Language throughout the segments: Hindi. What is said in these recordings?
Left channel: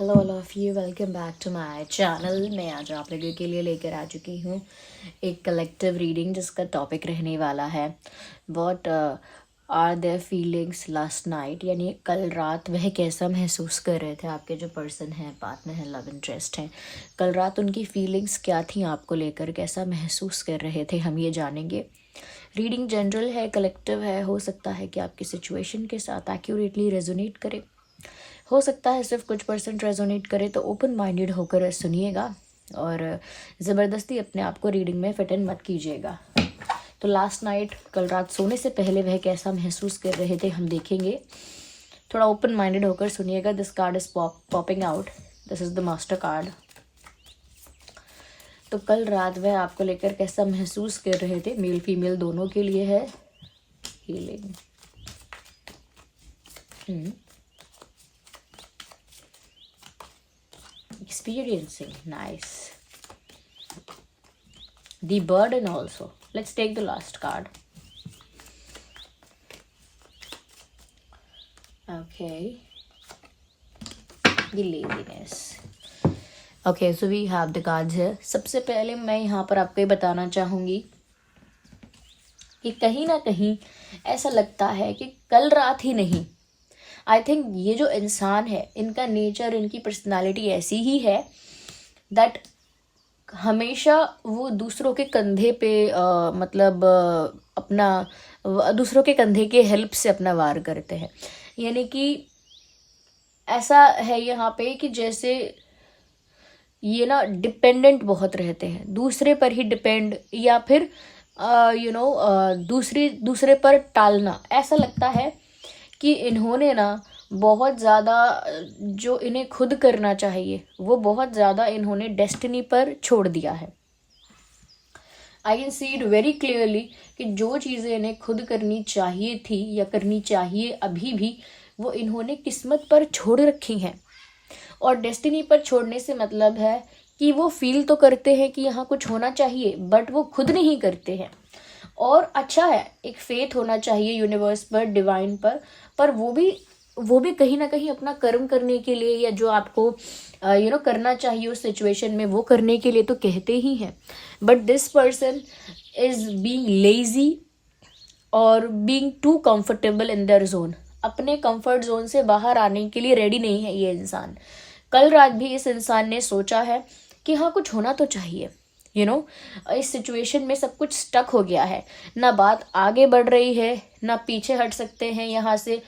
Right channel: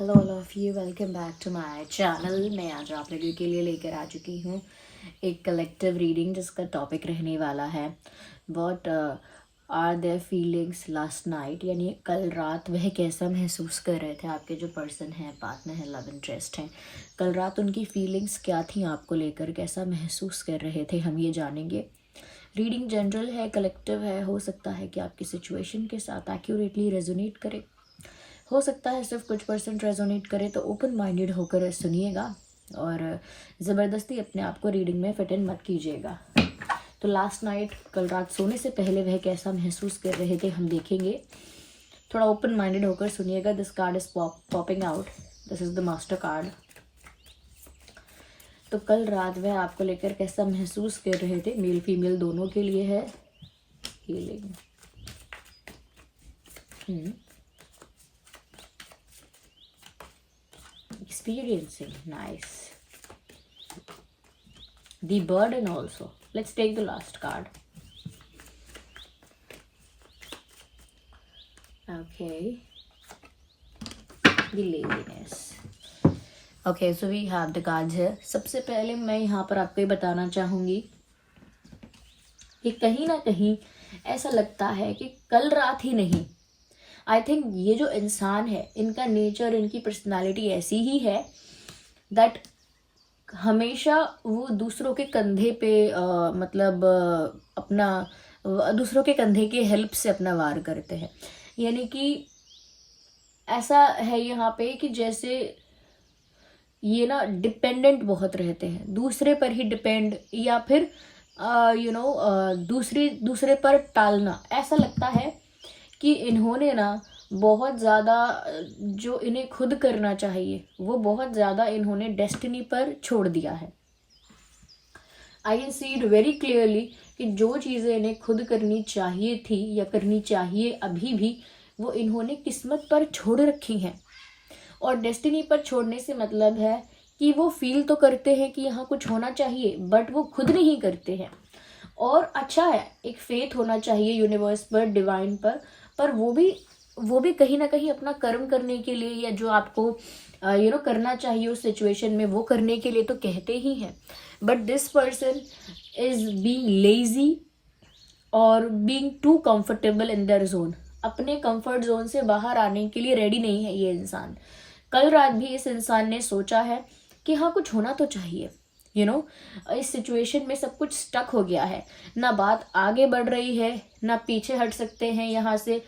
Hello all of you, welcome back to my channel. मैं आज आप लोगों के लिए लेकर आ चुकी हूँ एक कलेक्टिव रीडिंग जिसका टॉपिक रहने वाला है what are their feelings last night, यानी कल रात वह कैसा महसूस कर रहे थे। आपके जो पर्सन हैं, पार्टनर हैं, लव इंटरेस्ट हैं, कल रात उनकी फीलिंग्स क्या थी आपको लेकर, कैसा महसूस कर रहे थे, हम ये जानेंगे। रीडिंग जनरल है, कलेक्टिव है, हो सकता है कि आपकी सिचुएशन के साथ एक्यूरेटली रेजोनेट करे, हो सकता है सिर्फ कुछ परसेंट रेजोनेट करे। तो ओपन माइंडेड होकर सुनिएगा और ज़बरदस्ती अपने आप को रीडिंग में फिट इन मत कीजिएगा। तो लास्ट नाइट, कल रात सोने से पहले वह कैसा महसूस कर रहे थे हम देखेंगे। थोड़ा ओपन माइंडेड होकर सुनिएगा। This card is popping out, this is the master card. तो कल रात वह आपको लेकर कैसा महसूस कर रहे थे, मेल फीमेल दोनों के लिए है healing. Experiencing, nice. The burden also. Let's take the last card. Okay. The laziness. Okay, so we have the cards here. सबसे पहले मैं यहाँ पर आपको ये बताना चाहूँगी कि कहीं ना कहीं ऐसा लगता है कि कल रात ही नहीं, आई थिंक ये जो इंसान है, इनका नेचर, इनकी पर्सनालिटी ऐसी ही है दैट हमेशा वो दूसरों के कंधे पे अपना दूसरों के कंधे के हेल्प से अपना वार करते हैं। यानी कि ऐसा है यहाँ पे कि जैसे ये ना डिपेंडेंट बहुत रहते हैं, दूसरे पर ही डिपेंड, या फिर दूसरे पर टालना। ऐसा लगता है कि इन्होंने ना बहुत ज़्यादा जो इन्हें खुद करना चाहिए वो बहुत ज़्यादा इन्होंने डेस्टिनी पर छोड़ दिया है। I can see it very clearly कि जो चीज़ें इन्हें खुद करनी चाहिए थी या करनी चाहिए अभी भी, वो इन्होंने किस्मत पर छोड़ रखी हैं। और डेस्टिनी पर छोड़ने से मतलब है कि वो फील तो करते हैं कि यहाँ कुछ होना चाहिए, बट वो खुद नहीं करते हैं। और अच्छा है, एक फेथ होना चाहिए यूनिवर्स पर, डिवाइन पर वो भी कहीं ना कहीं अपना कर्म करने के लिए, या जो आपको करना चाहिए उस सिचुएशन में, वो करने के लिए तो कहते ही हैं। But this person is being lazy और being too comfortable in their zone. अपने कंफर्ट जोन से बाहर आने के लिए रेडी नहीं है ये इंसान। कल रात भी इस इंसान ने सोचा है कि हाँ, कुछ होना तो चाहिए। इस सिचुएशन में सब कुछ स्टक हो गया है, ना बात आगे बढ़ रही है, ना पीछे हट सकते हैं यहाँ से।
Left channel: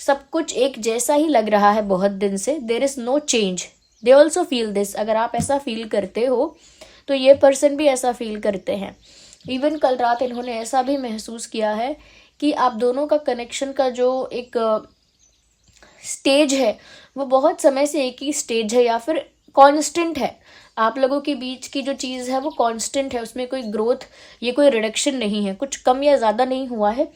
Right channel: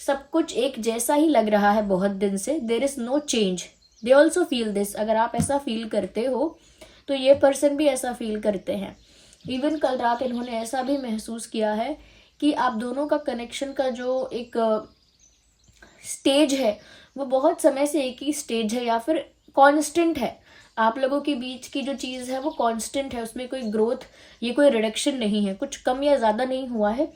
सब कुछ एक जैसा ही लग रहा है बहुत दिन से। There is no change. They also feel this. अगर आप ऐसा फील करते हो तो ये पर्सन भी ऐसा फील करते हैं। इवन कल रात इन्होंने ऐसा भी महसूस किया है कि आप दोनों का कनेक्शन का जो एक स्टेज है वो बहुत समय से एक ही स्टेज है, या फिर कांस्टेंट है। आप लोगों के बीच की जो चीज़ है वो कांस्टेंट है, उसमें कोई ग्रोथ, ये कोई रिडक्शन नहीं है, कुछ कम या ज़्यादा नहीं हुआ है,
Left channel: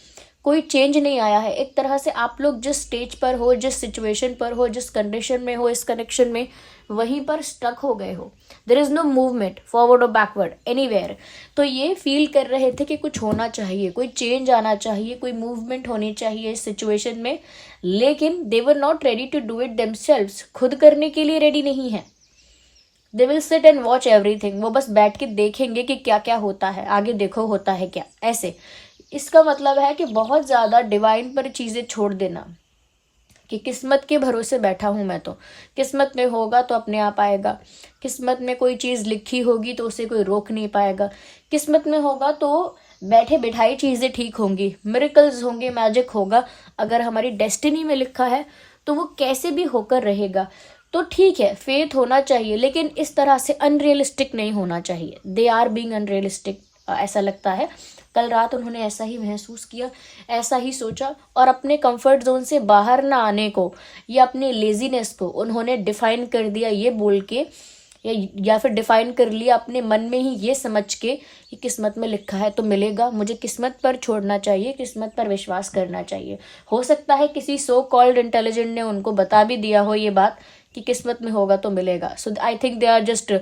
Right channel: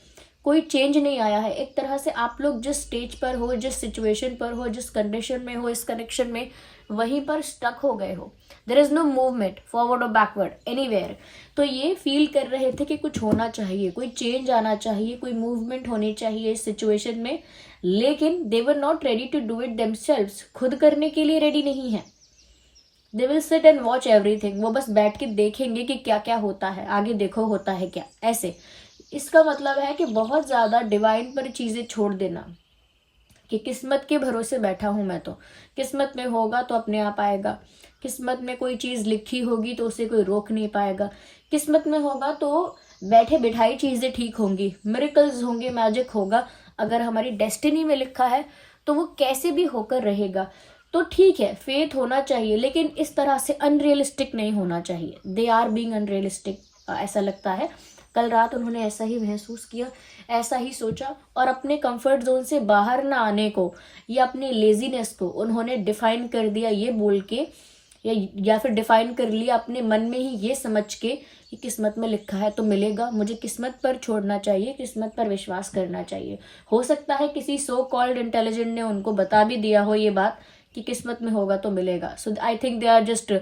कोई चेंज नहीं आया है। एक तरह से आप लोग जिस स्टेज पर हो, जिस सिचुएशन पर हो, जिस कंडीशन में हो इस कनेक्शन में, वहीं पर स्टक हो गए हो। There is no movement forward और बैकवर्ड एनीवेयर। तो ये फील कर रहे थे कि कुछ होना चाहिए, कोई चेंज आना चाहिए, कोई मूवमेंट होनी चाहिए इस सिचुएशन में, लेकिन they were not ready to do it themselves. खुद करने के लिए रेडी नहीं है। They will sit and watch everything. वो बस बैठ के देखेंगे कि क्या क्या होता है, आगे देखो होता है क्या, ऐसे। इसका मतलब है कि बहुत ज़्यादा डिवाइन पर चीज़ें छोड़ देना, कि किस्मत के भरोसे बैठा हूँ मैं, तो किस्मत में होगा तो अपने आप आएगा। किस्मत में कोई चीज़ लिखी होगी तो उसे कोई रोक नहीं पाएगा। किस्मत में होगा तो बैठे बिठाई चीज़ें ठीक होंगी, मिरेकल्स होंगे, मैजिक होगा। अगर हमारी डेस्टिनी में लिखा है तो वो कैसे भी होकर रहेगा। तो ठीक है, फेथ होना चाहिए, लेकिन इस तरह से अनरियलिस्टिक नहीं होना चाहिए। दे आर बीइंग अनरियलिस्टिक, ऐसा लगता है। कल रात उन्होंने ऐसा ही महसूस किया, ऐसा ही सोचा, और अपने कंफर्ट जोन से बाहर ना आने को या अपने लेजीनेस को उन्होंने डिफाइन कर दिया ये बोल के, या फिर डिफाइन कर लिया अपने मन में ही ये समझ के कि किस्मत में लिखा है तो मिलेगा, मुझे किस्मत पर छोड़ना चाहिए, किस्मत पर विश्वास करना चाहिए। हो सकता है किसी सो कॉल्ड इंटेलिजेंट ने उनको बता भी दिया हो ये बात कि किस्मत में होगा तो मिलेगा। So I think they are just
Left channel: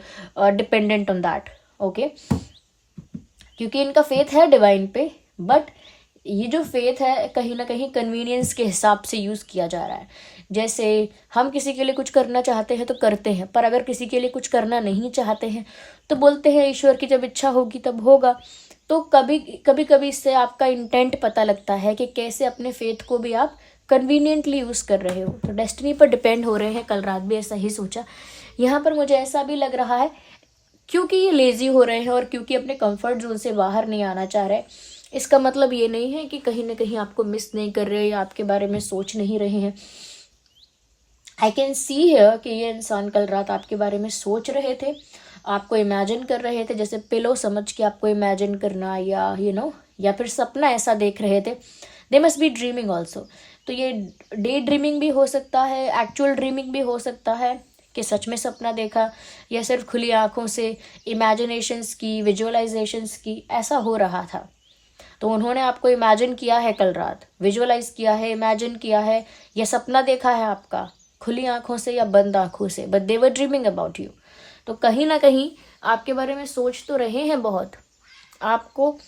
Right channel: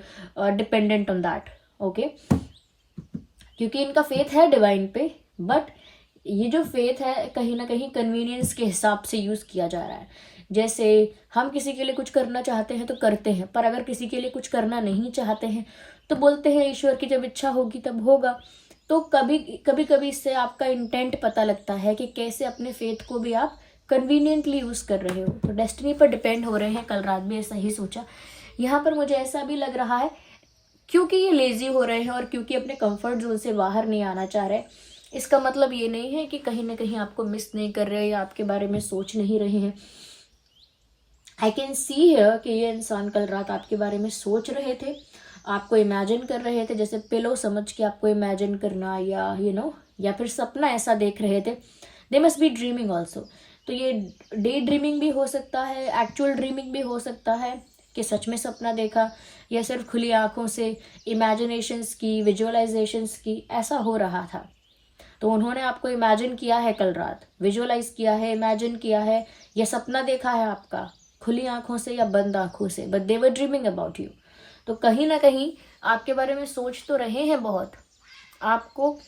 dependent on that. Okay, क्योंकि इनका फेथ है डिवाइन पे, बट ये जो फेथ है कहीं ना कहीं कन्वीनियंस के हिसाब से यूज़ किया जा रहा है। जैसे हम किसी के लिए कुछ करना चाहते हैं तो करते हैं, पर अगर किसी के लिए कुछ करना नहीं चाहते हैं तो बोलते हैं ईश्वर की जब इच्छा होगी तब होगा। तो कभी कभी कभी इससे आपका इंटेंट पता लगता है कि कैसे अपने फेथ को भी आप कन्वीनियंटली यूज़ कर रहे हो। तो डेस्टिनी पर डिपेंड हो रहे हैं, कल रात भी ऐसा ही सोचा। यहाँ पर मुझे ऐसा भी लग रहा है क्योंकि ये लेजी हो रहे हैं और क्योंकि अपने कंफर्ट जोन से बाहर नहीं आना चाह रहे। इसका मतलब ये नहीं है कि कहीं ना कहीं आपको मिस नहीं कर रहे, आपके बारे में सोच नहीं रहे हैं। आई कैन सी है कि ये इंसान कल रात आपके बारे में सोच रहे थे, आपको इमेजिन कर रहे थे, जैसे पिलो समझ के आपको इमेजिन करना, या या फिर सपना ऐसा देख रहे थे। They must be dreaming also. तो ये डे ड्रीमिंग भी हो सकता है, एक्चुअल ड्रीमिंग भी हो सकता है कि सच में सपना देखा, या सिर्फ खुली आंखों से इमेजिनेशंस की, विजुअलाइजेशंस की, ऐसा हो रहा था। तो उन्होंने आपको इमेजिन किया है कल रात, विजुअलाइज किया है, इमेजिन किया है, या सपना देखा है आपका खुली आंखों से या बंद आंखों से, but they were dreaming about you. तो कहीं ना कहीं आपके बारे में सोच तो रहे हैं बहुत, आपको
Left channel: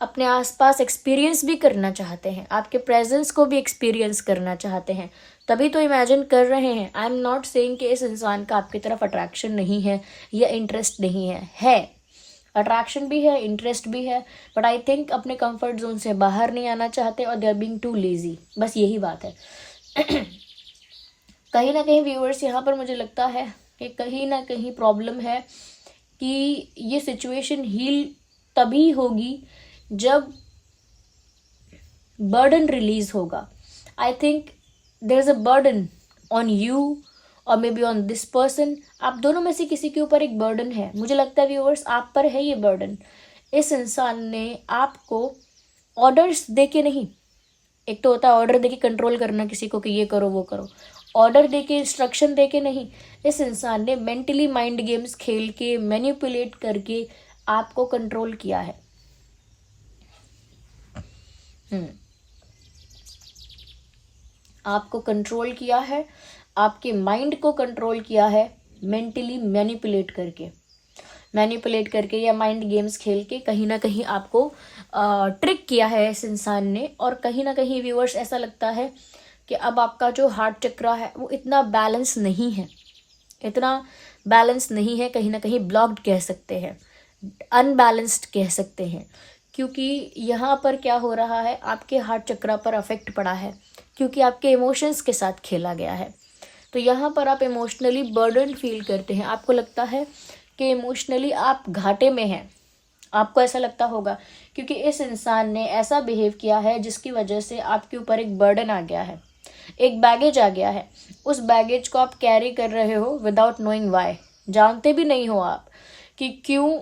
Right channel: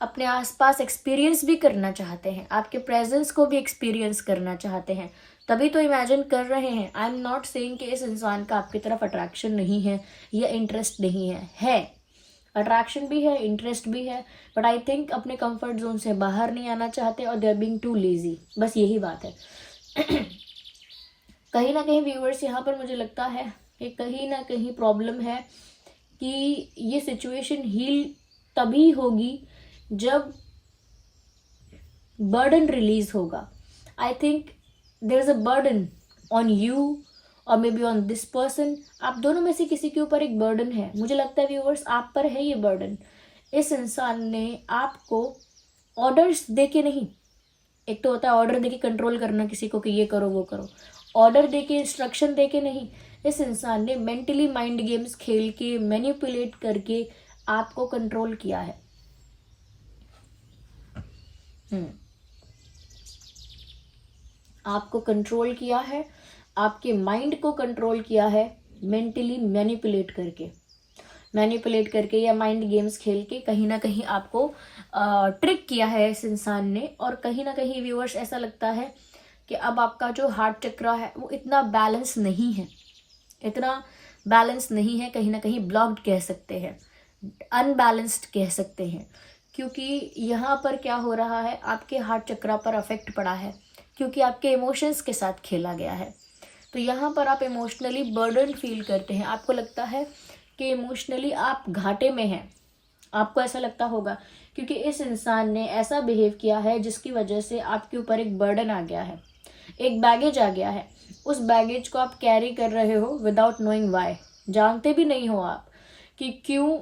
अपने आसपास एक्सपीरियंस भी करना चाहते हैं, आपके प्रेजेंस को भी एक्सपीरियंस करना चाहते हैं, तभी तो इमेजिन कर रहे हैं। आई एम नॉट सेइंग कि इस इंसान का आपकी तरफ अट्रैक्शन नहीं है या इंटरेस्ट नहीं है अट्रैक्शन भी है, इंटरेस्ट भी है, बट आई थिंक अपने कंफर्ट जोन से बाहर नहीं आना चाहते और they are being too lazy, बस यही बात है। कहीं ना कहीं व्यूअर्स यहाँ पर मुझे लगता है कि कहीं ना कहीं प्रॉब्लम है कि ये सिचुएशन हील तभी होगी जब बर्डन रिलीज होगा। I think there is a burden on you और maybe on this person. आप दोनों में से किसी के ऊपर एक बर्डन है, मुझे लगता है व्यूअर्स आप पर है ये बर्डन। इस इंसान ने आपको ऑर्डर्स दे के नहीं, एक तो होता है ऑर्डर दे के कंट्रोल करना किसी को कि ये करो वो करो, ऑर्डर दे के, इंस्ट्रक्शन दे के नहीं। इस इंसान ने मेंटली माइंड गेम्स खेल के, मैनिपुलेट करके आपको कंट्रोल किया है। आपको कंट्रोल किया है, आपके माइंड को कंट्रोल किया है, मेंटली मैनिपुलेट करके या माइंड गेम्स खेल के कहीं ना कहीं आपको ट्रिक किया है इस इंसान ने। और कहीं ना कहीं व्यूअर्स ऐसा लगता है कि अब आपका जो हार्ट चक्र है वो इतना बैलेंस नहीं है, कहीं ना कहीं ब्लॉक्ड कह सकते हैं, अनबैलेंस्ड कह सकते हैं। क्योंकि यहाँ पर क्या हो रहा है, आपके हार्ट चक्र पर अफेक्ट पड़ा है क्योंकि आपके इमोशंस के साथ खेला गया है। तो यहाँ पर आप इमोशनली बर्डन फील करते हैं, आपको लगता है कि इमोशनली आप घाटे में हैं। आपको ऐसा लगता होगा क्योंकि इस इंसान ने ऐसा बिहेव किया है जिसकी वजह से आपके ऊपर एक बर्डन आ गया है, एक बैगेज आ गया है। उस बैगेज को आप कैरी कर रहे हो विदाउट नोइंग वाई, जानते भी नहीं हो आप कि क्यों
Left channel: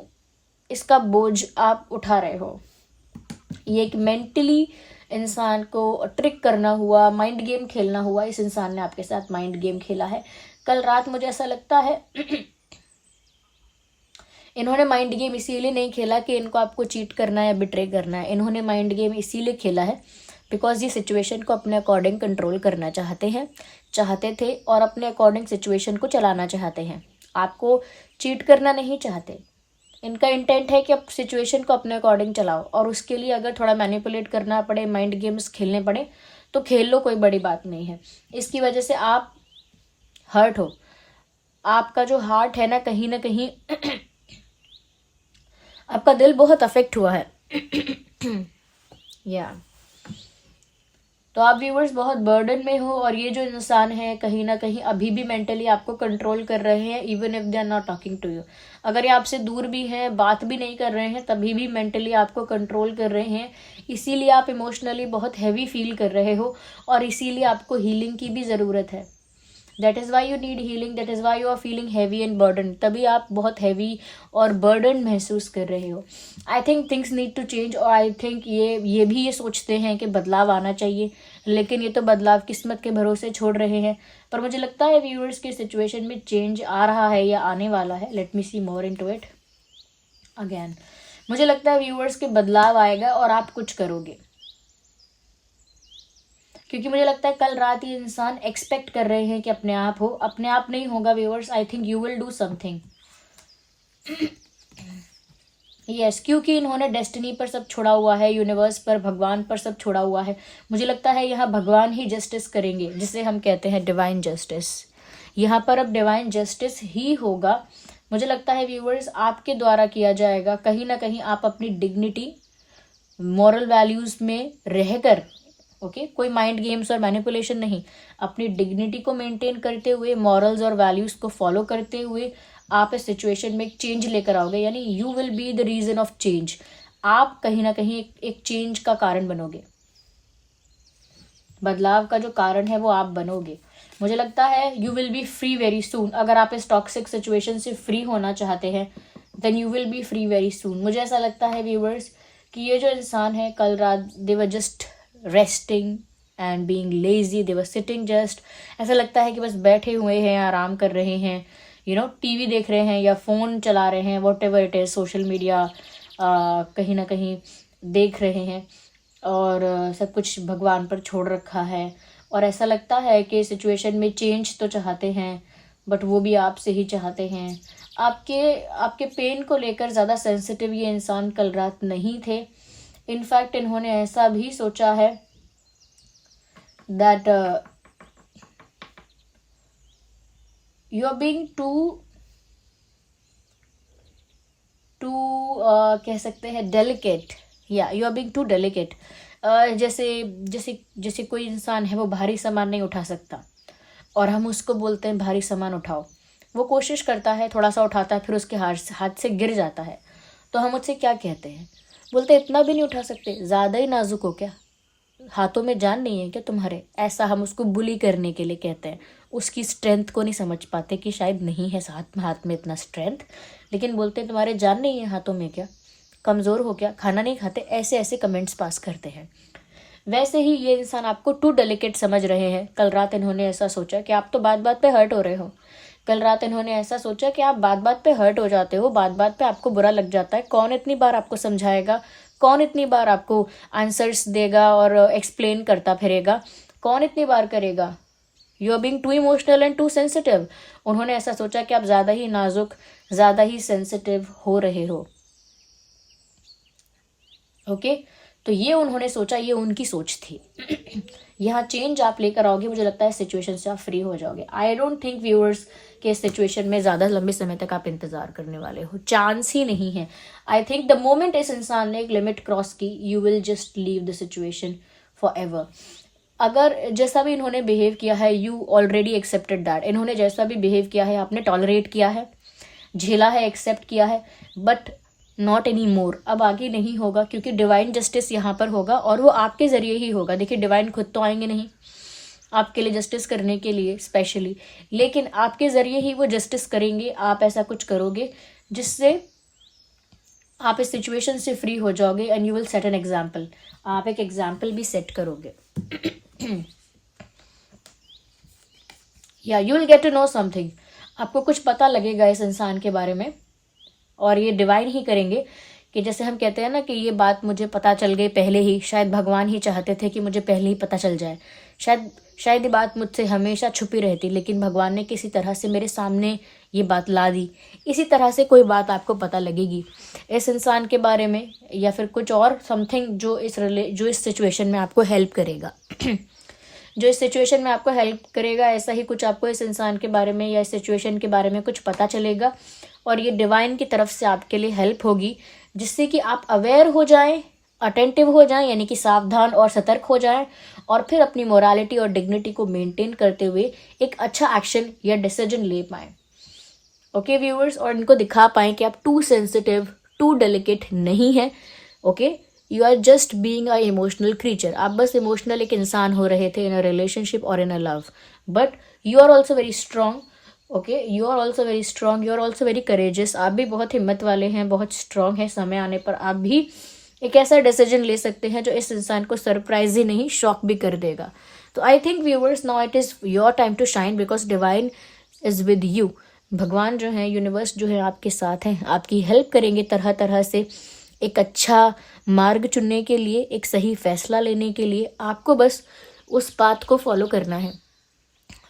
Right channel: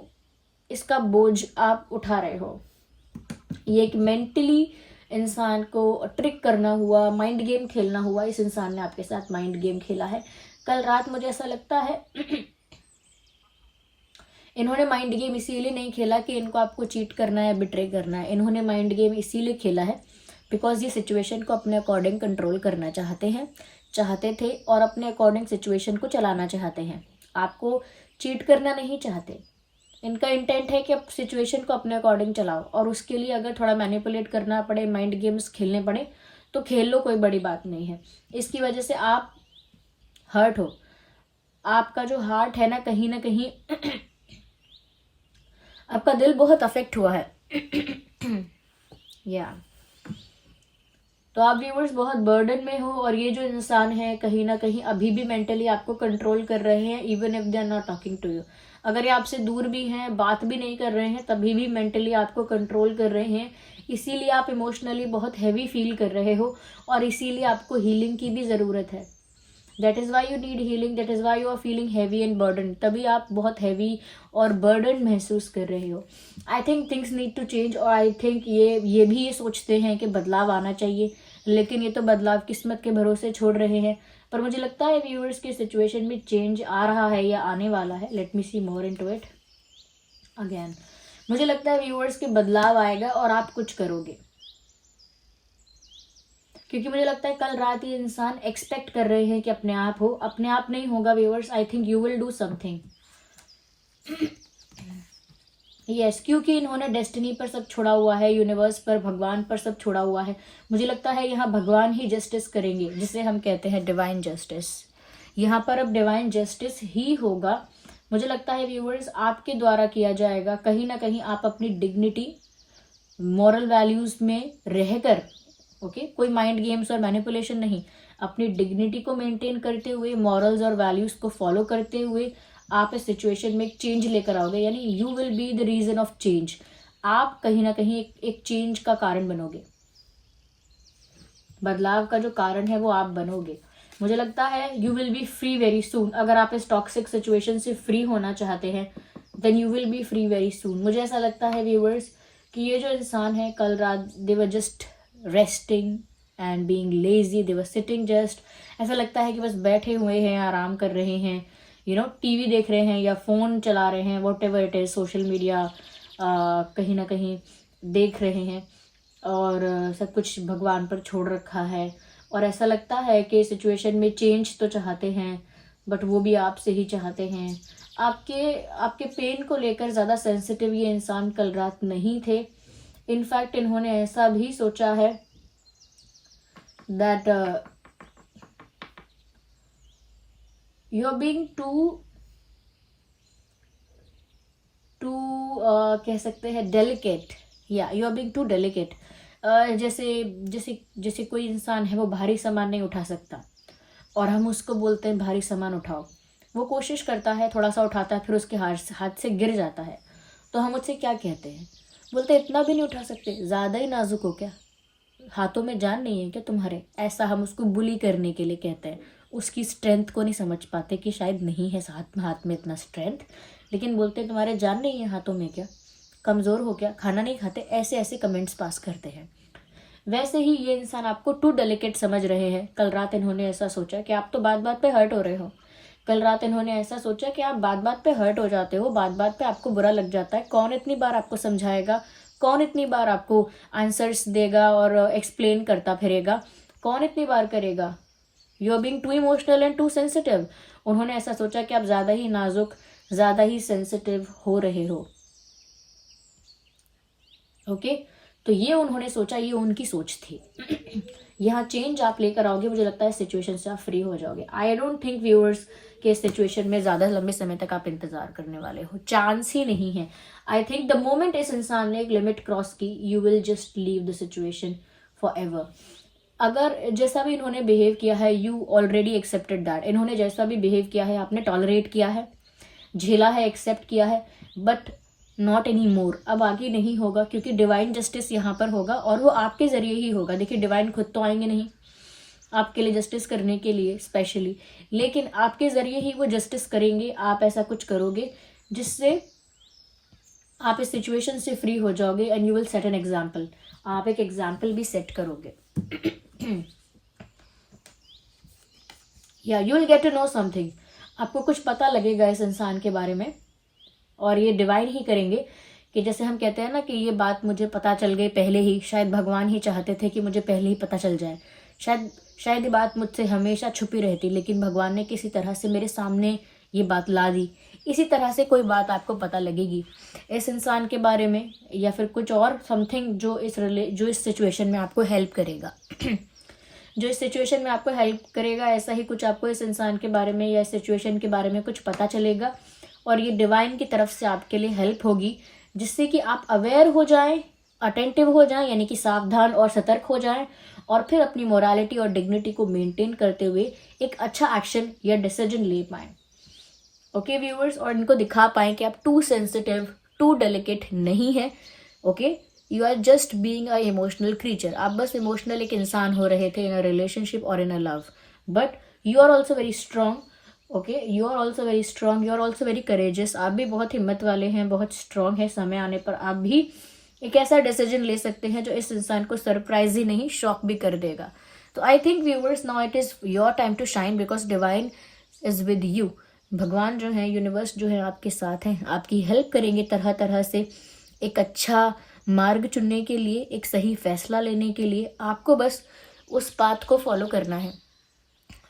इसका बोझ आप उठा रहे हो। ये एक मेंटली इंसान को ट्रिक करना हुआ, माइंड गेम खेलना हुआ। इस इंसान ने आपके साथ माइंड गेम खेला है कल रात। मुझे ऐसा लगता है इन्होंने माइंड गेम इसीलिए नहीं खेला कि इनको आपको चीट करना है, बिट्रे करना है। इन्होंने माइंड गेम इसीलिए खेला है बिकॉज ये सिचुएशन को अपने अकॉर्डिंग कंट्रोल करना चाहते थे और अपने अकॉर्डिंग सिचुएशन को चलाना चाहते हैं। आपको चीट करना नहीं चाहते। इनका इंटेंट है कि आप सिचुएशन को अपने अकॉर्डिंग चलाओ और उसके लिए अगर थोड़ा मैनिपुलेट करना पड़े, माइंड गेम्स खेलने पड़े तो खेल लो, कोई बड़ी बात नहीं है। इसकी वजह से आप हर्ट हो, आपका जो हार्ट है ना कहीं आपका दिल बहुत अफेक्ट हुआ है। या तो आप व्यूअर्स बहुत बर्डन में हो और ये जो इंसान है कहीं ना कहीं अभी भी मेंटली आपको कंट्रोल कर रहे हैं, even if they are not talking to you. अगर ये आपसे दूर भी हैं, बात भी नहीं कर रहे हैं, तभी भी मेंटली आपको कंट्रोल कर रहे हैं। इसीलिए आप इमोशनली बहुत हैवी फील कर रहे हो और इसीलिए आपको हीलिंग की भी ज़रूरत है। That is why you need healing, that is why you are feeling heavy and burden. तभी आप बहुत हैवी और बर्डन महसूस कर रहे हो। I think things need to change और आई थिंक ये भी ये सोचते हैं कि बदलाव आना चाहिए, लेकिन ये तो बदलाव किस्मत के भरोसे छोड़ रहे हैं। पर मुझे लगता है व्यूअर्स की सिचुएशन में चेंज आ रहा है या आने वाला है। Let me see more into it again. मुझे लगता है व्यूअर्स के बदलाव आएगा और आप कुछ करोगे, क्योंकि मुझे लगता है कल रात ये इंसान एक्सपेक्ट कर रहे हैं कि अपने आप हो। अपने आप नहीं होगा viewers, I think you will do something. Yes, क्योंकि इन्होंने डेस्टिनी पर सब छोड़ा हुआ है, यूनिवर्स पर, भगवान पर सब छोड़ा हुआ है। मुझे लगता है यहाँ भगवान ही जस्टिस करेंगे, जिसे हम कहते हैं डिवाइन जस्टिस। यहाँ पर अब डिवाइन जस्टिस ही होगा। मुझे लगता है व्यूअर्स आपके द्वारा किया जाएगा। कहीं ना कहीं आप अपनी डिग्निटी, मॉरल वैल्यूज में रहकर, ओके, कोई माइंड गेम्स और मैनिपुलेशन नहीं, अपनी डिग्निटी को मेंटेन करते हुए, मॉरल्स और वैल्यूज को फॉलो करते हुए आप इस सिचुएशन में एक चेंज लेकर आओगे। यानी you will be the reason of change. आप कहीं ना कहीं एक चेंज का कारण बनोगे। बदलाव का जो कारण है वो आप बनोगे। मुझे लगता है you will be free very सून। अगर आप इस टॉक्सिक सिचुएशन से फ्री होना चाहते हैं then you will be free very soon. मुझे ऐसा लगता है व्यूवर्स कि ये जो इंसान है, कल रात they were just resting and being lazy, they were sitting just, ऐसा लगता है कि बस बैठे हुए हैं, आराम कर रहे हैं, टीवी देख रहे हैं या फ़ोन चला रहे हैं, what ever it is, social media कहीं ना कहीं देख रहे हैं और सब कुछ भगवान पर छोड़ रखा है। और ऐसा लगता है कि सिचुएशन में चेंज तो चाहते हैं बट वो भी आपसे ही चाहते हैं। आपके पेन को लेकर ज़्यादा सेंसिटिव ये इंसान कल रात नहीं थे। इनफैक्ट इन्होंने ऐसा भी सोचा है that you are being too कह सकते हैं डेलिकेट, या you are being too delicate. जैसे जैसे जैसे कोई इंसान है वो भारी सामान नहीं उठा सकता और हम उसको बोलते हैं भारी सामान उठाओ, वो कोशिश करता है, थोड़ा सा उठाता है, फिर उसके हाथ से गिर जाता है, तो हम उससे क्या कहते हैं? बोलते इतना भी नहीं उठा सकते, ज़्यादा ही नाजुक हो क्या, हाथों में जान नहीं है क्या तुम्हारे? ऐसा हम उसको बुली करने के लिए कहते हैं। उसकी स्ट्रेंथ को नहीं समझ पाते कि शायद नहीं है हाथ में इतना स्ट्रेंथ, लेकिन बोलते हैं तुम्हारे जान नहीं है हाथों में क्या, कमज़ोर हो क्या, खाना नहीं खाते, ऐसे ऐसे कमेंट्स पास करते हैं। वैसे ही ये इंसान आपको टू डेलिकेट समझ रहे हैं। कल रात इन्होंने ऐसा सोचा कि आप तो बात बात पे हर्ट हो रहे हो। कल रात इन्होंने ऐसा सोचा कि आप बात बात पे हर्ट हो जाते हो, बात बात पे आपको बुरा लग जाता है। कौन इतनी बार आपको समझाएगा, कौन इतनी बार आपको आंसर्स देगा और एक्सप्लेन करता फिरेगा, कौन इतनी बार करेगा? You are being too emotional and too sensitive. उन्होंने ऐसा सोचा कि आप ज़्यादा ही नाजुक, ज़्यादा ही सेंसिटिव हो रहे हो। ओके, तो ये उन्होंने सोचा, ये उनकी सोच थी। यहाँ चेंज आप लेकर आओगे, मुझे लगता है सिचुएशन से आप फ्री हो जाओगे। आई डोंट थिंक व्यूअर्स कि इस सिचुएशन में ज़्यादा लंबे समय तक आप इंतज़ार करने वाले हो, चांस ही नहीं है। आई थिंक द मोमेंट इस इंसान ने एक लिमिट क्रॉस की, you will just leave the situation for ever. अगर जैसा भी इन्होंने बिहेव किया है, यू ऑलरेडी एक्सेप्टेड दैट। इन्होंने जैसा भी बिहेव किया है आपने टॉलरेट किया है, झेला है, एक्सेप्ट किया है, बट नॉट एनी मोर। अब आगे नहीं होगा, क्योंकि डिवाइन जस्टिस यहाँ पर होगा और वो आपके ज़रिए ही होगा। देखिए, डिवाइन खुद तो आएंगे नहीं आपके लिए जस्टिस करने के लिए स्पेशली, लेकिन आपके ज़रिए ही वो जस्टिस करेंगे। आप ऐसा कुछ करोगे जिससे आप इस सिचुएशन से फ्री हो जाओगे and you will set an example. आप एक एग्जाम्पल भी सेट करोगे या you will get to know something. आपको कुछ पता लगेगा इस इंसान के बारे में, और ये डिवाइन ही करेंगे कि जैसे हम कहते हैं ना कि ये बात मुझे पता चल गई पहले ही। शायद भगवान ही चाहते थे कि मुझे पहले ही पता चल जाए। शायद ये बात मुझसे हमेशा छुपी रहती, लेकिन भगवान ने किसी तरह से मेरे सामने ये बात ला दी। इसी तरह से कोई बात आपको पता लगेगी इस इंसान के बारे में, या फिर कुछ और समथिंग जो इस सिचुएशन में आपको हेल्प करेगा जो इस सिचुएशन में आपको हेल्प करेगा। ऐसा ही कुछ आपको इस इंसान के बारे में या इस सिचुएशन के बारे में कुछ पता चलेगा, और ये डिवाइन की तरफ से आपके लिए हेल्प होगी, जिससे कि आप अवेयर हो जाएं, अटेंटिव हो जाएं, यानी कि सावधान और सतर्क हो जाएं, और फिर अपनी मोरालिटी और डिग्निटी को मेंटेन करते हुए एक अच्छा एक्शन या डिसीजन ले पाएं। ओके व्यूअर्स, और इनको दिखा पाएं कि आप टू सेंसिटिव, टू डेलिकेट नहीं है। Okay, you are just being a emotional creature. आप बस इमोशनल एक इंसान हो रहे थे इन अ रिलेशनशिप और in a love, but you are also very strong. Okay, you are also very strong, you are also very courageous. आप भी बहुत हिम्मत वाले हैं, बहुत स्ट्रांग है। समय आने पर आप भी एक ऐसा डिसीजन ले सकते हैं जो इस इंसान को सरप्राइज ही नहीं, शॉक भी कर देगा। तो I think viewers, now it is your time to shine, because divine is with you. भगवान जो है, यूनिवर्स जो है आपके साथ हैं, आपकी हेल्प करेंगे तरह तरह से एक अच्छा मार्ग चुनने के लिए, एक सही फैसला लेने के लिए। आपको बस उस पाथ को फॉलो करना है।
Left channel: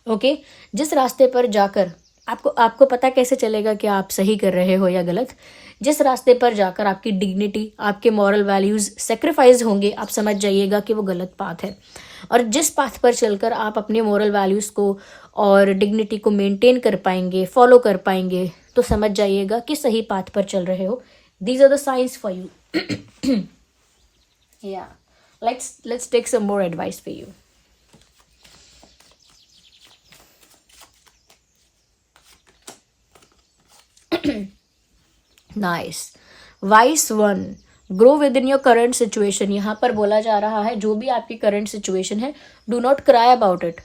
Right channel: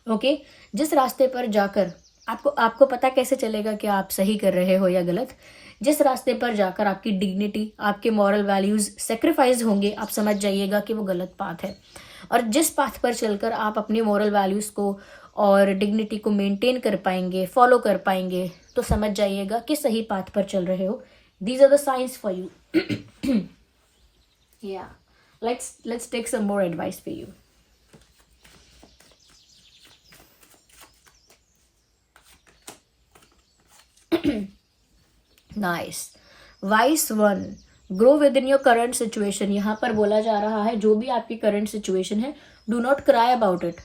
ओके, जिस रास्ते पर जाकर आपको पता कैसे चलेगा कि आप सही कर रहे हो या गलत? जिस रास्ते पर जाकर आपकी डिग्निटी, आपके मॉरल वैल्यूज सेक्रीफाइस होंगे, आप समझ जाइएगा कि वो गलत पाथ है। और जिस पाथ पर चलकर आप अपने मॉरल वैल्यूज को और डिग्निटी को मेंटेन कर पाएंगे, फॉलो कर पाएंगे, तो समझ जाइएगा कि सही पाथ पर चल रहे हो। These are the signs for you. या let's take some more advice for you. Nice. Wise one. Grow within your current situation. यहाँ पर बोला जा रहा है जो भी आपकी करंट सिचुएशन है, do not cry about it,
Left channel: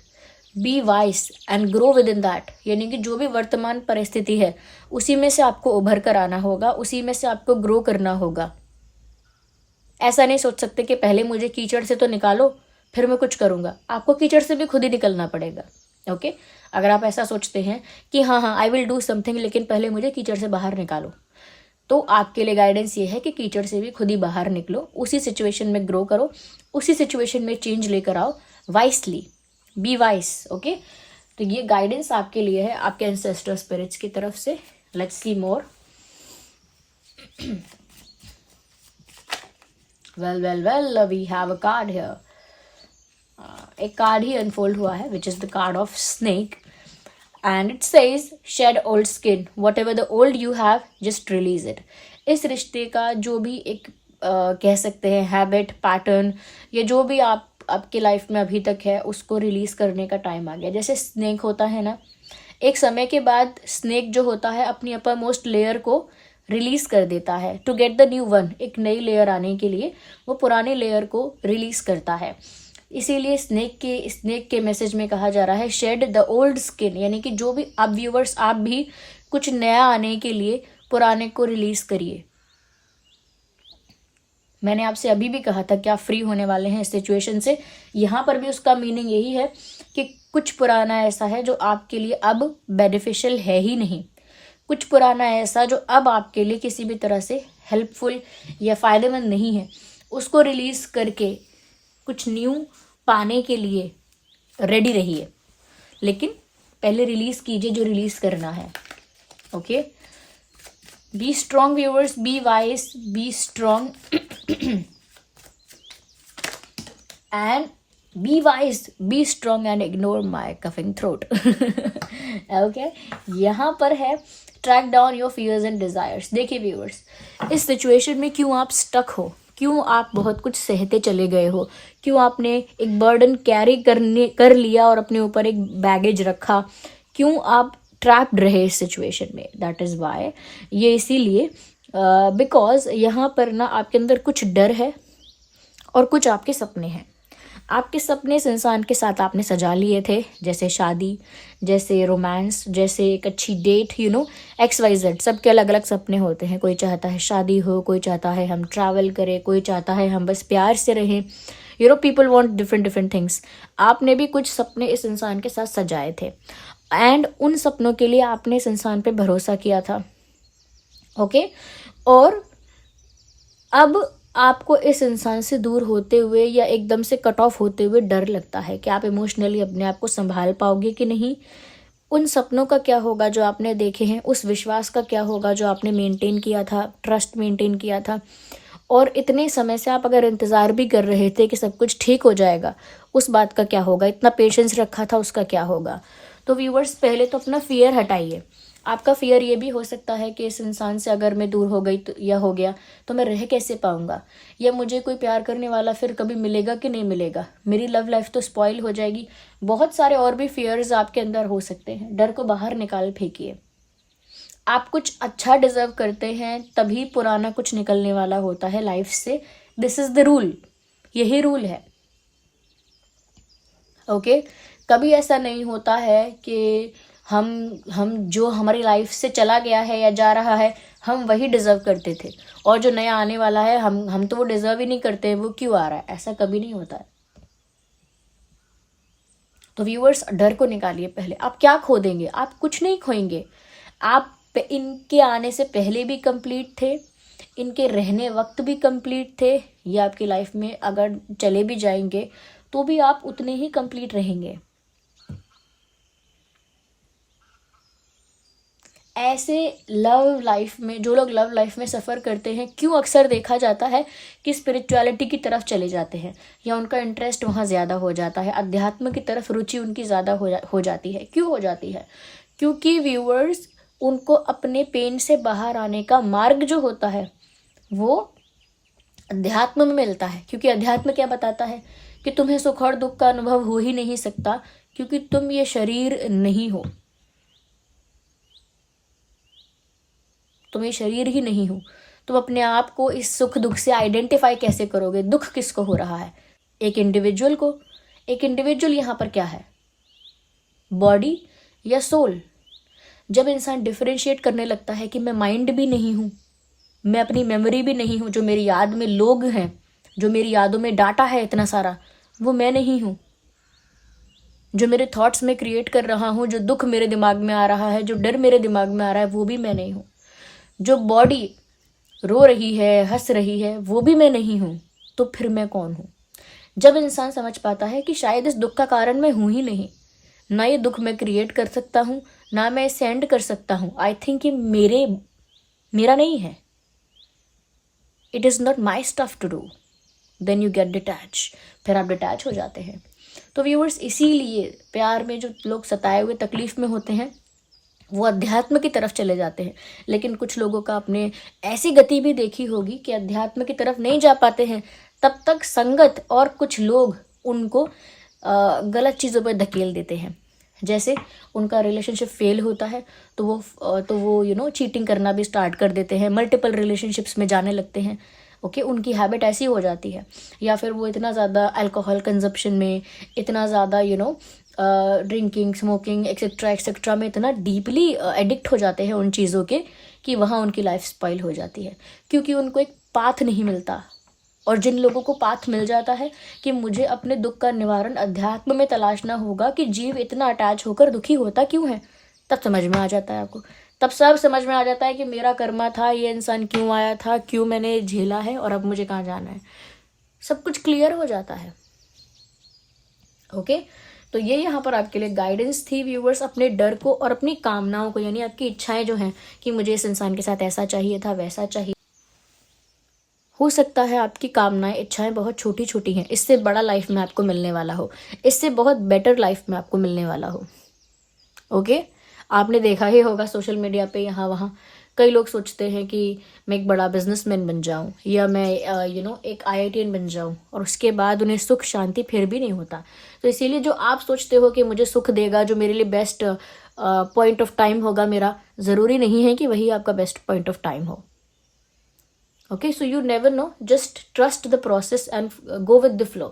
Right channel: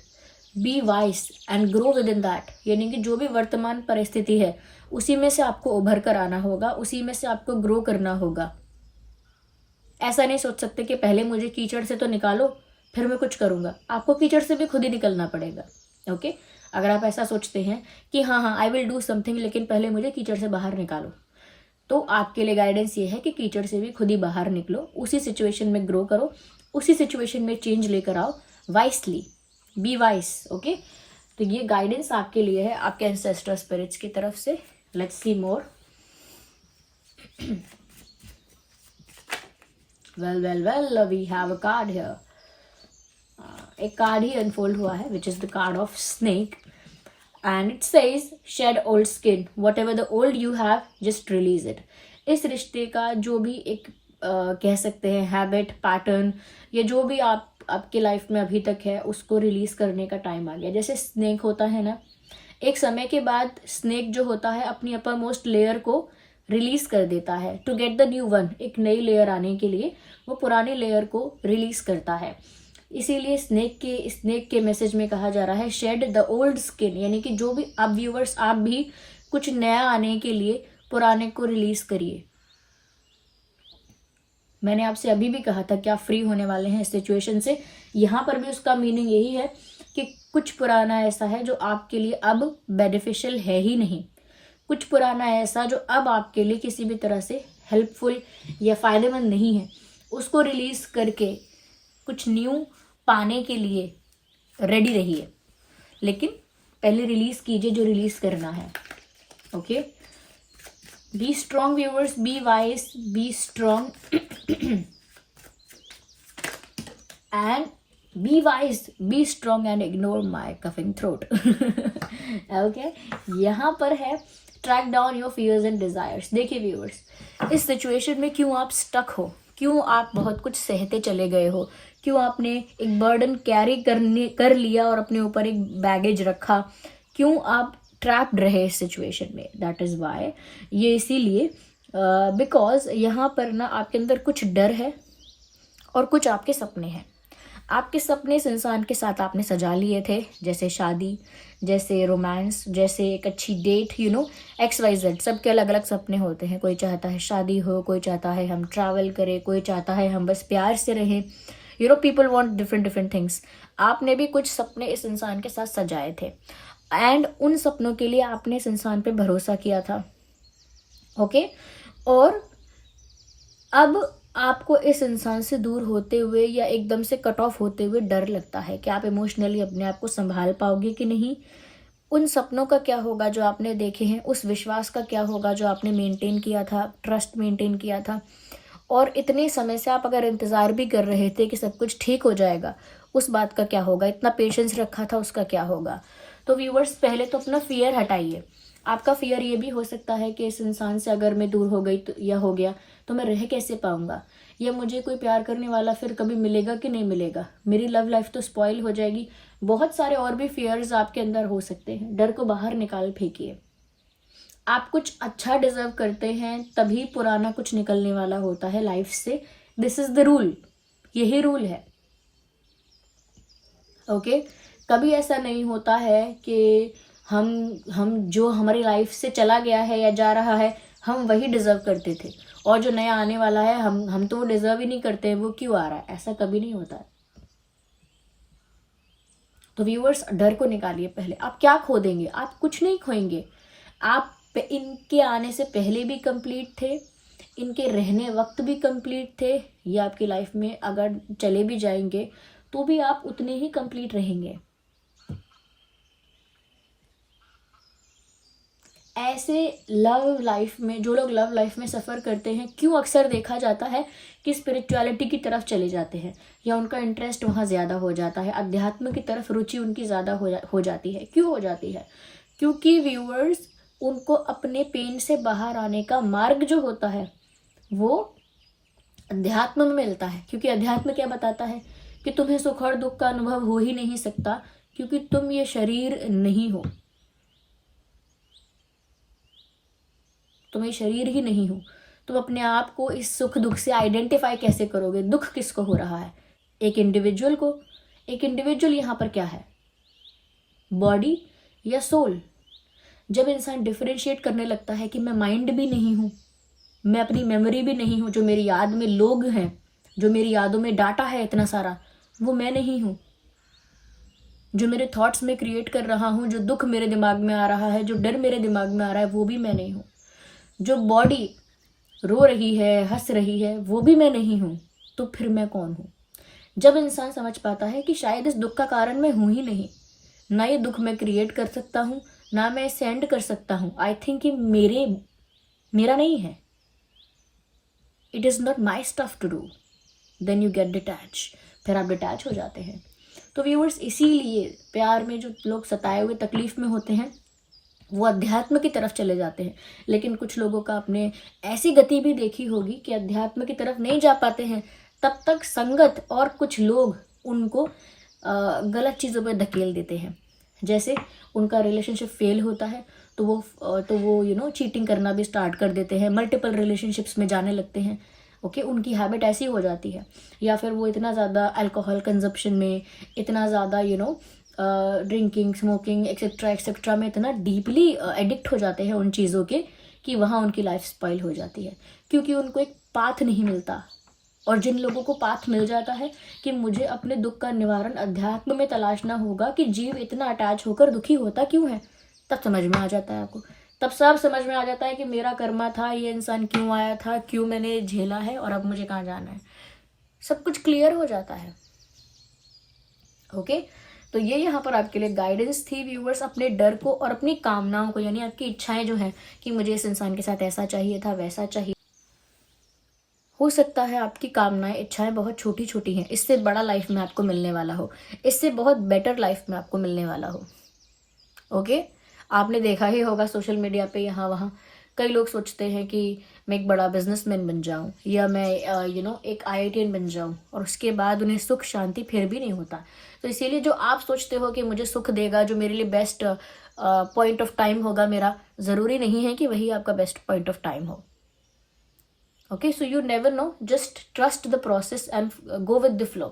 be wise and grow within that. यानी कि जो भी वर्तमान परिस्थिति है उसी में से आपको उभर कर आना होगा, उसी में से आपको ग्रो करना होगा। ऐसा नहीं सोच सकते कि पहले मुझे कीचड़ से तो निकालो फिर मैं कुछ करूंगा। आपको कीचड़ से भी खुद ही निकलना पड़ेगा। ओके, अगर आप ऐसा सोचते हैं कि हाँ आई विल डू समथिंग लेकिन पहले मुझे कीचड़ से बाहर निकालो, तो आपके लिए गाइडेंस ये है कि कीचड़ से भी खुद ही बाहर निकलो, उसी सिचुएशन में ग्रो करो, उसी सिचुएशन में चेंज लेकर आओ, वाइसली, बी वाइस। ओके, तो ये गाइडेंस आपके लिए है आपके एंसेस्टर स्पिरिट्स की तरफ से। Let's see more. Well we have a card here. एक कार्ड ही अनफोल्ड हुआ है which is the card of snake and it says shed old skin, whatever the old you have just release it. इस रिश्ते का जो भी एक कह सकते हैं हैबिट, पैटर्न, या जो भी आपकी लाइफ में अभी तक है उसको रिलीज करने का टाइम आ गया। जैसे स्नेक होता है ना, एक समय के बाद स्नेक जो होता है अपनी अपर मोस्ट लेयर को रिलीज कर देता है to get the new one. एक नई लेयर आने के लिए वो पुरानी लेयर को रिलीज करता है। इसीलिए स्नेक के मैसेज में कहा जा रहा है शेड द ओल्ड स्किन, यानी कि जो भी आप व्यूवर्स, आप भी कुछ नया आने के लिए पुराने को रिलीज करिए। मैंने आपसे अभी भी कहा था कि आप फ्री होने वाले हैं इस सिचुएशन से। यहाँ पर भी उसका मीनिंग यही है कि कुछ पुराना ऐसा है जो आपके लिए अब बेनिफिशियल है ही नहीं, कुछ पुराना ऐसा जो अब आपके लिए किसी भी तरह से हेल्पफुल या फायदेमंद नहीं है, उसको रिलीज करके कुछ न्यू पाने के लिए रेडी रहिए। लेकिन पहले रिलीज कीजिए जो रिलीज करना है। Okay, be strong viewers, be wise, be strong and be wise, be strong and ignore my coughing throat. Okay, यहाँ पर है track down your fears and desires. देखिए व्यूअर्स, इस सिचुएशन में क्यों आप स्टक हो, क्यों आप बहुत कुछ सहते चले गए हो, क्यों आपने एक बर्डन कैरी कर लिया और अपने ऊपर एक बैगेज रखा, क्यों आप ट्रैप्ड रहे इस सिचुएशन में, दैट इज वाई। ये इसीलिए बिकॉज यहाँ पर ना आपके अंदर कुछ डर है और कुछ आपके सपने हैं। आपके सपने इस इंसान के साथ आपने सजा लिए थे, जैसे शादी, जैसे रोमांस, जैसे एक अच्छी डेट, XYZ। सबके अलग अलग सपने होते हैं। कोई चाहता है शादी हो, कोई चाहता है हम ट्रैवल करें, कोई चाहता है हम बस प्यार से रहें। People want different things. आपने भी कुछ सपने इस इंसान के साथ सजाए थे एंड उन सपनों के लिए आपने इस इंसान पे भरोसा किया था। ओके, और अब आपको इस इंसान से दूर होते हुए या एकदम से कट ऑफ होते हुए डर लगता है कि आप इमोशनली अपने आप को संभाल पाओगे कि नहीं। उन सपनों का क्या होगा जो आपने देखे हैं, उस विश्वास का क्या होगा जो आपने मेंटेन किया था, ट्रस्ट मेंटेन किया था। और इतने समय से आप अगर इंतज़ार भी कर रहे थे कि सब कुछ ठीक हो जाएगा, उस बात का क्या होगा, इतना पेशेंस रखा था उसका क्या होगा। तो व्यूवर्स, पहले तो अपना फियर हटाइए। आपका फियर ये भी हो सकता है कि इस इंसान से अगर मैं दूर हो गई तो या हो गया तो मैं रह कैसे पाऊंगा, या मुझे कोई प्यार करने वाला फिर कभी मिलेगा कि नहीं मिलेगा, मेरी लव लाइफ तो स्पॉइल हो जाएगी। बहुत सारे और भी फियर्स आपके अंदर हो सकते हैं। डर को बाहर निकाल फेंकिए। आप कुछ अच्छा डिजर्व करते हैं तभी पुराना कुछ निकलने वाला होता है लाइफ से। दिस इज द रूल, यही रूल है। ओके, कभी ऐसा नहीं होता है कि हम जो हमारी लाइफ से चला गया है या जा रहा है हम वही डिजर्व करते थे, और जो नया आने वाला है हम तो वो डिजर्व ही नहीं करते, वो क्यों आ रहा है। ऐसा कभी नहीं होता है। तो व्यूअर्स, डर को निकालिए पहले। आप क्या खो देंगे? आप कुछ नहीं खोएंगे। आप इनके आने से पहले भी कंप्लीट थे, इनके रहने वक्त भी कंप्लीट थे, ये आपकी लाइफ में अगर चले भी जाएंगे तो भी आप उतने ही कंप्लीट रहेंगे। ऐसे लव लाइफ में, जो लोग लव लाइफ में सफ़र करते हैं, क्यों अक्सर देखा जाता है कि स्पिरिचुअलिटी की तरफ चले जाते हैं या उनका इंटरेस्ट वहाँ ज़्यादा हो जाता है, अध्यात्म की तरफ रुचि उनकी ज़्यादा हो जाती है। क्यों हो जाती है? क्योंकि व्यूअर्स, उनको अपने पेन से बाहर आने का मार्ग जो होता है वो अध्यात्म में मिलता है। क्योंकि अध्यात्म क्या बताता है कि तुम्हें सुख और दुख का अनुभव हो ही नहीं सकता, क्योंकि तुम ये शरीर नहीं हो, तुम ये शरीर ही नहीं हो। तुम अपने आप को इस सुख दुख से आइडेंटिफाई कैसे करोगे? दुख किसको हो रहा है? एक इंडिविजुअल को। एक इंडिविजुअल यहाँ पर क्या है? बॉडी या सोल? जब इंसान डिफरेंशिएट करने लगता है कि मैं माइंड भी नहीं हूँ, मैं अपनी मेमोरी भी नहीं हूँ, जो मेरी याद में लोग हैं, जो मेरी यादों में डाटा है इतना सारा, वो मैं नहीं हूँ। जो मेरे थॉट्स में क्रिएट कर रहा हूँ, जो दुख मेरे दिमाग में आ रहा है, जो डर मेरे दिमाग में आ रहा है, वो भी मैं नहीं हूँ। जो बॉडी रो रही है, हंस रही है, वो भी मैं नहीं हूँ। तो फिर मैं कौन हूँ? जब इंसान समझ पाता है कि शायद इस दुख का कारण मैं हूँ ही नहीं, ना ये दुख मैं क्रिएट कर सकता हूँ, ना मैं इसे एंड कर सकता हूँ, आई थिंक ये मेरा नहीं है, it is not my stuff to do, then you get detach. फिर आप डिटैच हो जाते हैं। तो व्यूअर्स, इसीलिए प्यार में जो लोग सताए हुए तकलीफ में होते हैं वो अध्यात्म की तरफ चले जाते हैं। लेकिन कुछ लोगों का आपने ऐसी गति भी देखी होगी कि अध्यात्म की तरफ नहीं जा पाते हैं, तब तक संगत और कुछ लोग उनको गलत चीज़ों पर धकेल देते हैं। जैसे उनका रिलेशनशिप फेल होता है तो वो चीटिंग करना भी स्टार्ट कर देते हैं, मल्टीपल रिलेशनशिप्स में जाने लगते हैं। ओके, उनकी हैबिट ऐसी हो जाती है। या फिर वो इतना ज़्यादा अल्कोहल कंजप्शन में, इतना ज़्यादा ड्रिंकिंग, स्मोकिंग एक्सेट्रा एक्सेट्रा में इतना डीपली एडिक्ट हो जाते हैं उन चीज़ों के कि वहाँ उनकी लाइफ स्पॉइल हो जाती है, क्योंकि उनको एक पाथ नहीं मिलता। और जिन लोगों को पाथ मिल जाता है कि मुझे अपने दुख का निवारण अध्यात्म में तलाशना होगा कि जीव इतना अटैच होकर दुखी होता क्यों है, तब समझ में आ जाता है आपको। तब सब समझ में आ जाता है कि मेरा कर्मा था, ये इंसान क्यों आया था, क्यों मैंने झेला है और अब मुझे कहाँ जाना है। सब कुछ क्लियर हो जाता है। ओके, तो ये यहाँ पर आपके लिए गाइडेंस थी व्यूवर्स। अपने डर को और अपनी कामनाओं को, यानी आपकी इच्छाएं जो हैं कि मुझे इस इंसान के साथ ऐसा चाहिए था, वैसा चाहिए, हो सकता है आपकी कामनाएं, इच्छाएं बहुत छोटी छोटी हैं, इससे बड़ा लाइफ में आपको मिलने वाला हो, इससे बहुत बेटर लाइफ में आपको मिलने वाला हो। ओके, आपने देखा ही होगा सोशल मीडिया पे यहाँ वहाँ कई लोग सोचते हैं कि मैं एक बड़ा बिजनेसमैन बन जाऊं या मैं एक IITian बन जाऊं, और उसके बाद उन्हें सुख शांति फिर भी नहीं होता। तो इसीलिए जो आप सोचते हो कि मुझे सुख देगा, जो मेरे लिए बेस्ट पॉइंट ऑफ टाइम होगा मेरा, ज़रूरी नहीं है कि वही आपका बेस्ट पॉइंट ऑफ टाइम हो। Okay, so you never know, just trust the process and go with the flow.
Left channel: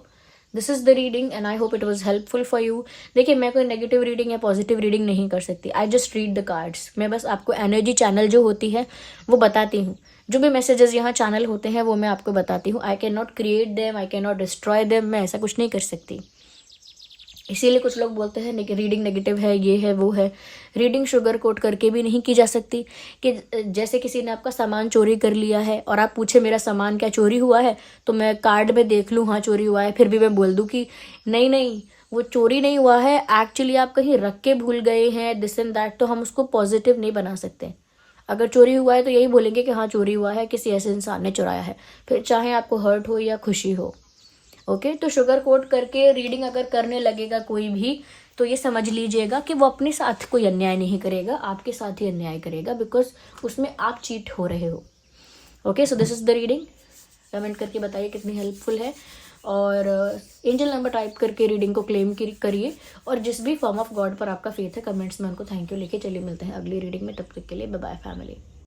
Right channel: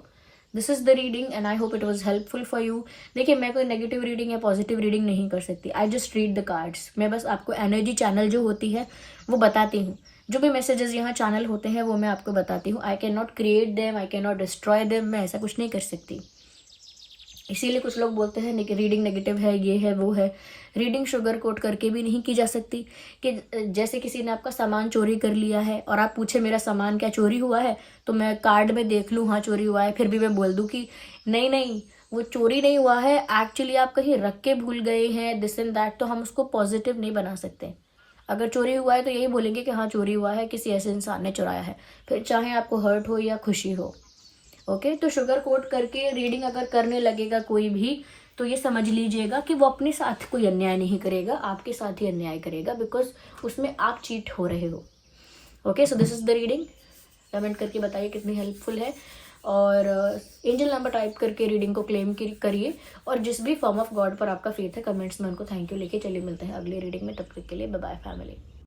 This is the reading and I hope it was helpful for you. देखिए, मैं कोई नेगेटिव रीडिंग या पॉजिटिव रीडिंग नहीं कर सकती, I just read the cards. मैं बस आपको एनर्जी चैनल जो होती है वो बताती हूँ, जो भी मैसेजेस यहाँ चैनल होते हैं वो मैं आपको बताती हूँ। I can not create them, I can not destroy them, मैं ऐसा कुछ नहीं कर सकती। इसीलिए कुछ लोग बोलते हैं कि रीडिंग नेगेटिव है, ये है वो है। रीडिंग शुगर कोट करके भी नहीं की जा सकती कि जैसे किसी ने आपका सामान चोरी कर लिया है और आप पूछे मेरा सामान क्या चोरी हुआ है, तो मैं कार्ड में देख लूँ हाँ चोरी हुआ है, फिर भी मैं बोल दूँ कि नहीं नहीं वो चोरी नहीं हुआ है, एक्चुअली आप कहीं रख के भूल गए हैं, दिस एंड दैट, तो हम उसको पॉजिटिव नहीं बना सकते। अगर चोरी हुआ है तो यही बोलेंगे कि हाँ चोरी हुआ है, किसी ऐसे इंसान ने चुराया है, फिर चाहे आपको हर्ट हो या खुशी हो। ओके, तो शुगर कोट करके रीडिंग अगर करने लगेगा कोई भी, तो ये समझ लीजिएगा कि वो अपने साथ कोई अन्याय नहीं करेगा, आपके साथ ही अन्याय करेगा, बिकॉज उसमें आप चीट हो रहे हो। Okay, so this is the reading. Comment करके बताइए कितनी हेल्पफुल है, और एंजल नंबर टाइप करके रीडिंग को क्लेम करिए, और जिस भी फॉर्म ऑफ गॉड पर आपका फेथ है कमेंट्स में उनको थैंक यू लेके चलिए। मिलते हैं अगली रीडिंग में, तब तक के लिए बाय बाय फैमिली।